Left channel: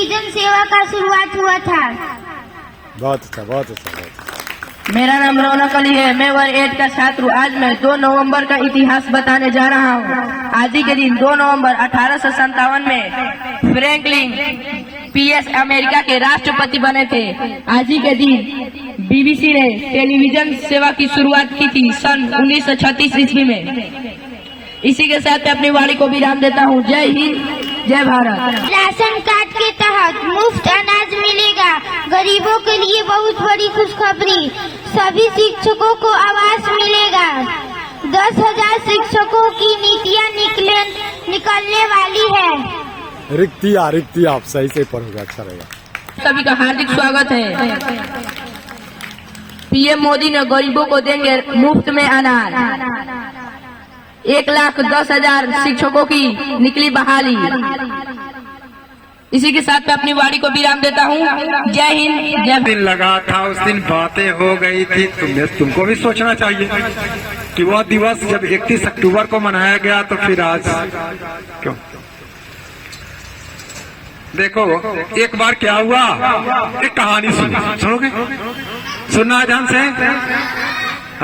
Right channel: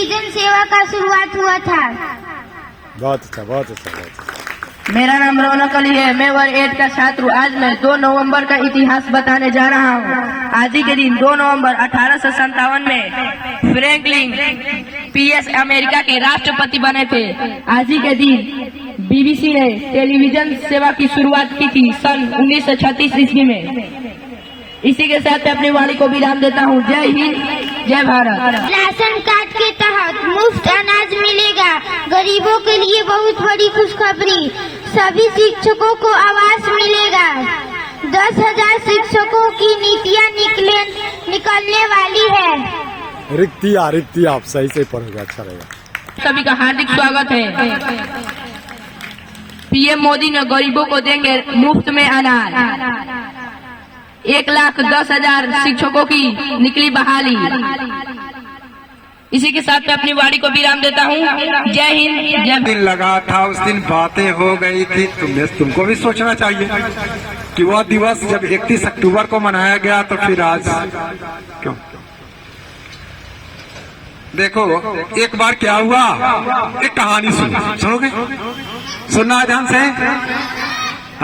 Television सेवा का शुरुआत हुआ था। बहुत अच्छा, बहुत अच्छा, बहुत अच्छा। मेरा नाम रौनक अली है। मैं वर्ग 8 का छात्र हूँ। आज मैं 2 नवंबर का इतिहास बताने जा रहा हूँ। आज ही के दिन 2 नवंबर 1857 में फ्रैंकलिन पीएस अमेरिका के राष्ट्रपति बने थे। आज ही के दिन बीबीसी ने टेलीविजन सेवा की शुरुआत की थी सन 1936 ईस्वी में। इसी के साथ अपनी वाणी को विराम देता हूँ। जय हिंद, जय भारत। राशन कार्ड के तहत मुफ्त अनाज मिलेगा। गरीबों के लिए बहुत बड़ी खुशखबरी। सभी शिक्षकों को आवास मिलेगा। 10,000 शिक्षकों की नीतियाँ निकलने वाली है। रिक्ति आप सही से पढ़ोगे, अच्छा रहेगा। सभी का हार्दिक स्वागत है। पीएम मोदी ने गरीबों को देंगे मुफ्त में अनाज। 1,10,000 शिक्षकों की निकली बहाली। इसी के साथ मैं अपनी वाणी को विराम देता हूँ। जय हिंद, जय। दिन लगा था, उस दिन बातें हो गई थी। तुमको भी सोचना चाहिए कि वह दिवस जब 31 अक्टूबर को मनाया गया तो फिर आज क्यों? देखो एक बार क्या हुआ, एक कहानी सुनोगी? सुनना है ध्यान से,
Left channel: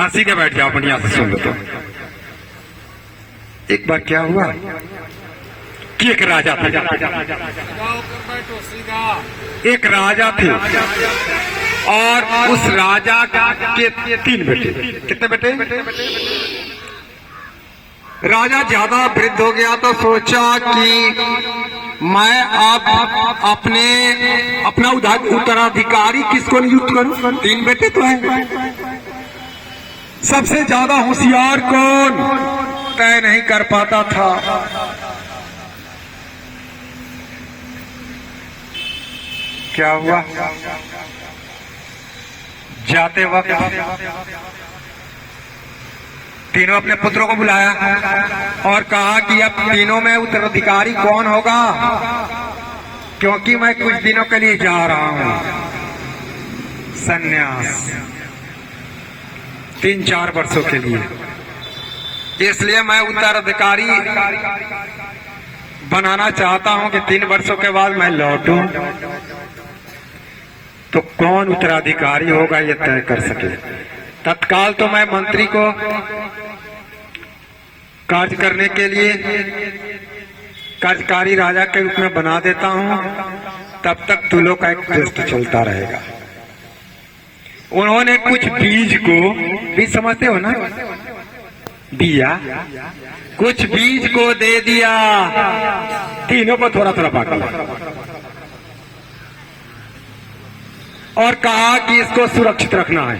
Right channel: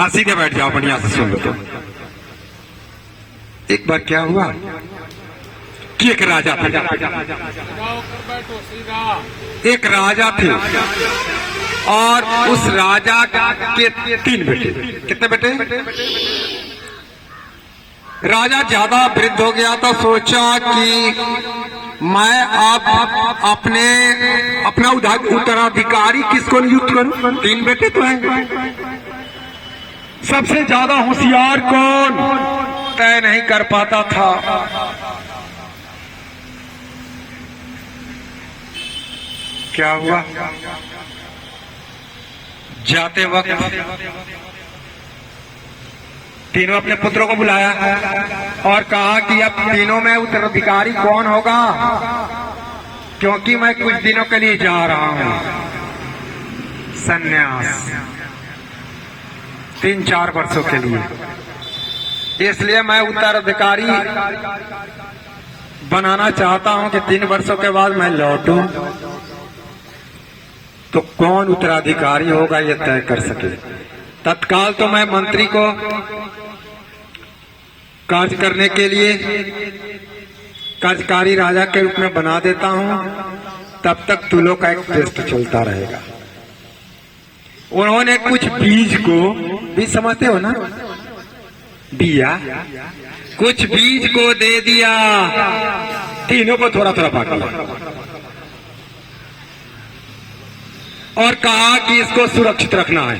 हंसी के बैठ जाओ, बढ़िया से सुन लो। तो एक बार क्या हुआ कि एक राजा थे और उस राजा के 3 बेटे। कितने बेटे? राजा ज्यादा वृद्ध हो गया तो सोचा कि मैं आप अपना उत्तराधिकारी किसको नियुक्त करूं? 3 बेटे तो हैं। सबसे ज्यादा होशियार कौन? तय नहीं कर पाता था। क्या हुआ? जाते वक्त तीनों अपने पुत्रों को बुलाया और कहा कि अब तीनों में उत्तराधिकारी कौन होगा, क्योंकि मैं कुछ दिनों के लिए जा रहा हूं संन्यास, 3-4 वर्षों के लिए। इसलिए मैं उत्तराधिकारी बनाना चाहता हूं कि 3 वर्षों के बाद मैं लौटूं। तो कौन उत्तराधिकारी होगा ये तय कर सके। तत्काल तो मैं मंत्री को कार्य करने के लिए कार्यकारी राजा के रूप में बना देता हूं, तब तक तुलों का एक दोस्त चलता रहेगा। उन्होंने कुछ बीज को भी समझते हो ना, दिया, कुछ बीज को दे दिया। तीनों को थोड़ा थोड़ा बांटा और कहा कि इसको सुरक्षित रखना है।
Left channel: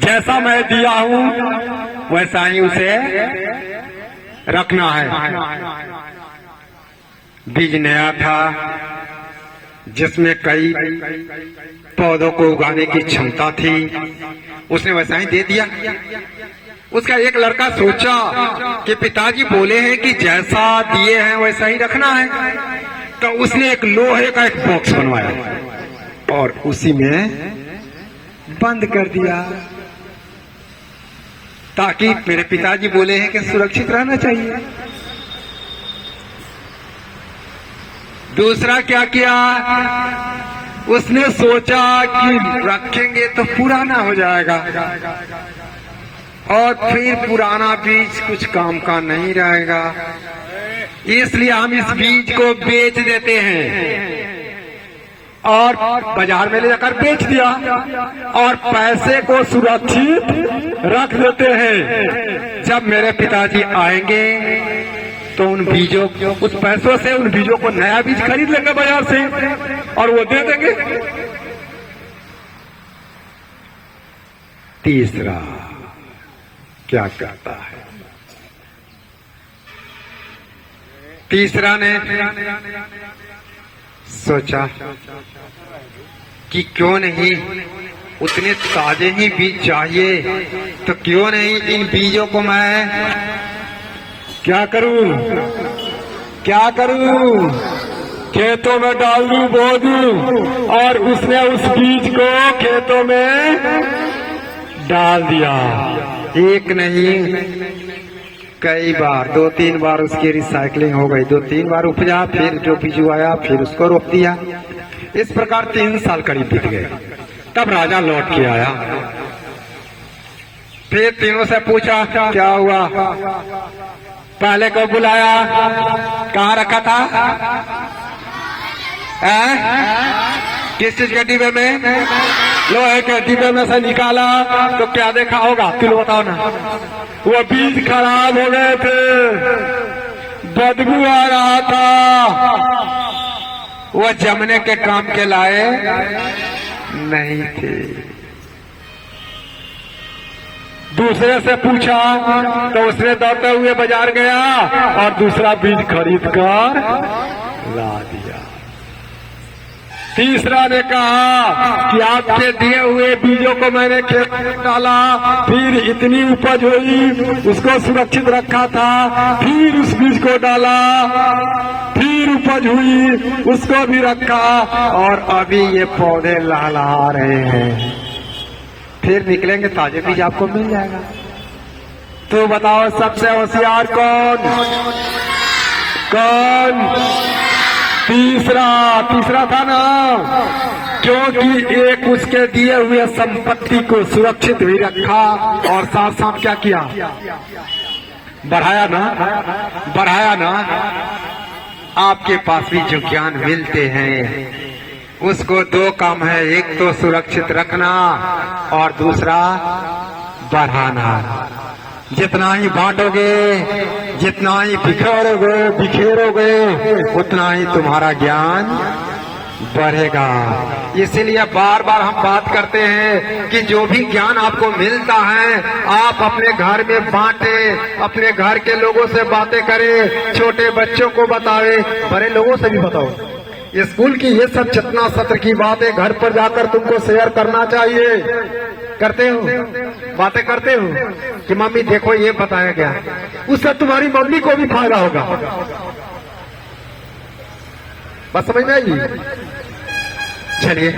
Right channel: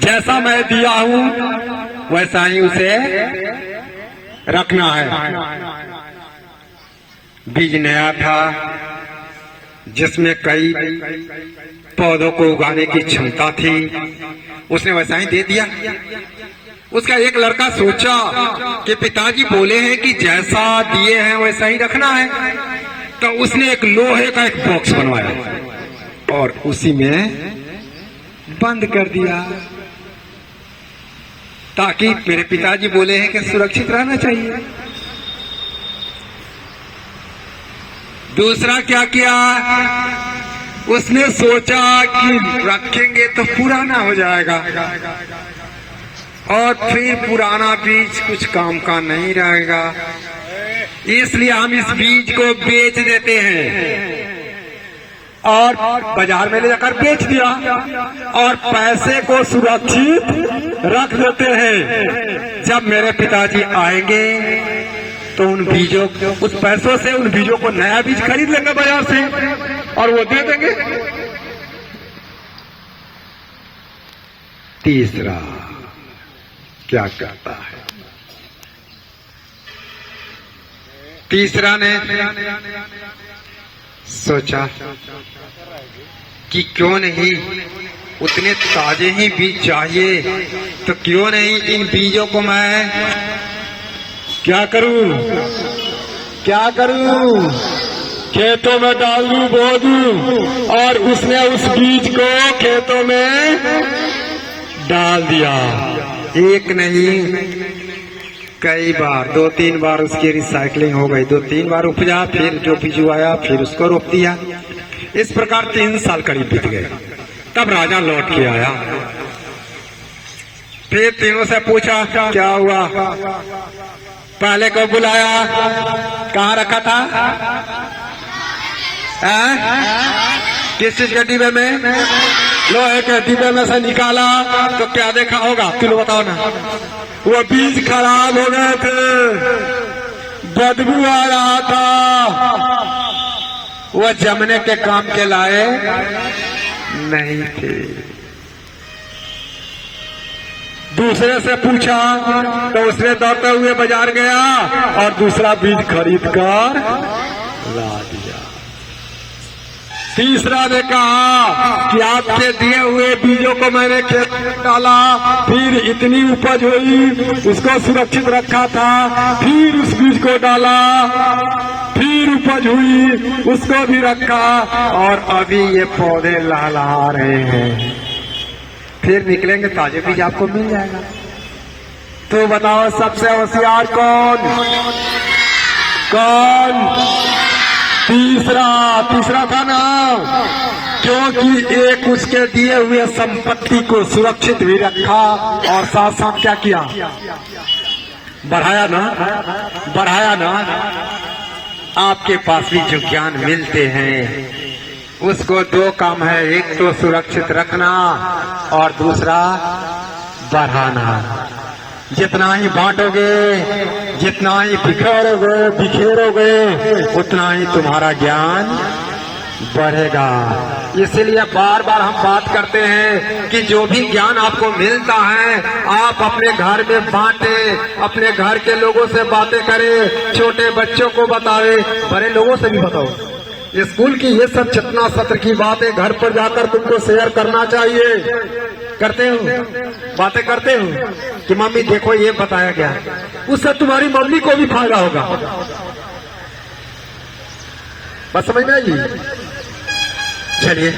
जैसा मैं दिया हूं वैसा ही उसे रखना है। बीज नया था जिसमें कई पौधों को उगाने की क्षमता थी, उसने वैसा ही दे दिया। उसका एक लड़का सोचा कि पिताजी बोले हैं कि जैसा दिए हैं वैसा ही रखना है, तो उसने एक लोहे का एक बॉक्स बनवाया और उसी में बंद कर दिया, ताकि मेरे पिताजी बोले हैं कि सुरक्षित रहना चाहिए। दूसरा क्या किया, उसने सोचा कि रखेंगे तो पुराना हो जाएगा और फिर पुराना बीज कुछ काम का नहीं रहेगा, इसलिए हम इस बीज को बेच देते हैं। और बाजार में ले जाकर बेच दिया और पैसे को सुरक्षित रख देते हैं। जब मेरे पिताजी आएंगे तो उन बीजों, उस पैसे से उन बीजों को नया बीज खरीद लेंगे बाजार से और वो दे देंगे। तीसरा क्या करता है? तीसरा ने सोचा कि क्यों नहीं, उतने ताजे ही बीज चाहिए, तो क्यों नहीं इन बीजों को मैं क्या करूं, खेतों में डाल दूं, बो दूं। और उसने उस बीज को खेतों में डाल दिया। एक नहीं कई बार 2-3 बार उसकी रिसाइकलिंग हो गई, 2-3 बार उपजा, फिर जो बिजू आया फिर उसको रोप दिया। इस प्रकार 3 साल करीब बीत गए। तब राजा लौट के आया, फिर तीनों से पूछा क्या हुआ। पहले को बुलाया, कहाँ रखा था? किस चीज के डिब्बे में? लोहे के डिब्बे में से निकाला तो क्या देखा होगा, तुम बताओ ना। वो बीज खराब हो गए थे, बदबू आ रहा था, वो जमने के काम के लाए नहीं थे। दूसरे से पूछा तो उसने दौड़ते हुए बाजार गया और दूसरा बीज खरीद कर ला दिया। तीसरा ने कहा कि आपके दिए हुए बीजों को मैंने खेत में डाला, फिर इतनी उपज हुई, उसको सुरक्षित रखा था, फिर उस बीज को डाला, फिर उपज हुई, उसको भी रखा, और अभी ये पौधे लहला रहे हैं। फिर निकलेंगे ताजे बीज आपको मिल जाएगा। तो बताओ सबसे होशियार कौन? कौन? तीसरा था ना, क्योंकि एक उसके दिए हुए संपत्ति को सुरक्षित भी रखा और साथ साथ क्या किया, बढ़ाया ना। आपके पास भी जो ज्ञान मिलते हैं उसको 2 काम है, एक तो सुरक्षित रखना और दूसरा बढ़ाना। जितना ही बांटोगे, जितना ही बिखेरोगे, उतना ही तुम्हारा ज्ञान बढ़ेगा। इसलिए बार बार हम बात करते हैं कि जो भी ज्ञान आपको मिलता है आप अपने घर में बांटे, अपने घर के लोगों से बातें करें, छोटे बच्चों को बताएं, बड़े लोगों से भी बताओ। स्कूल की ये सब चकना सत्र की बातें घर पर जाकर तुमको शेयर करना चाहिए। करते हो, बातें करते हो कि मम्मी देखो ये बताया गया, उससे तुम्हारी मम्मी को भी फायदा होगा। बस समझ में आई? चलिए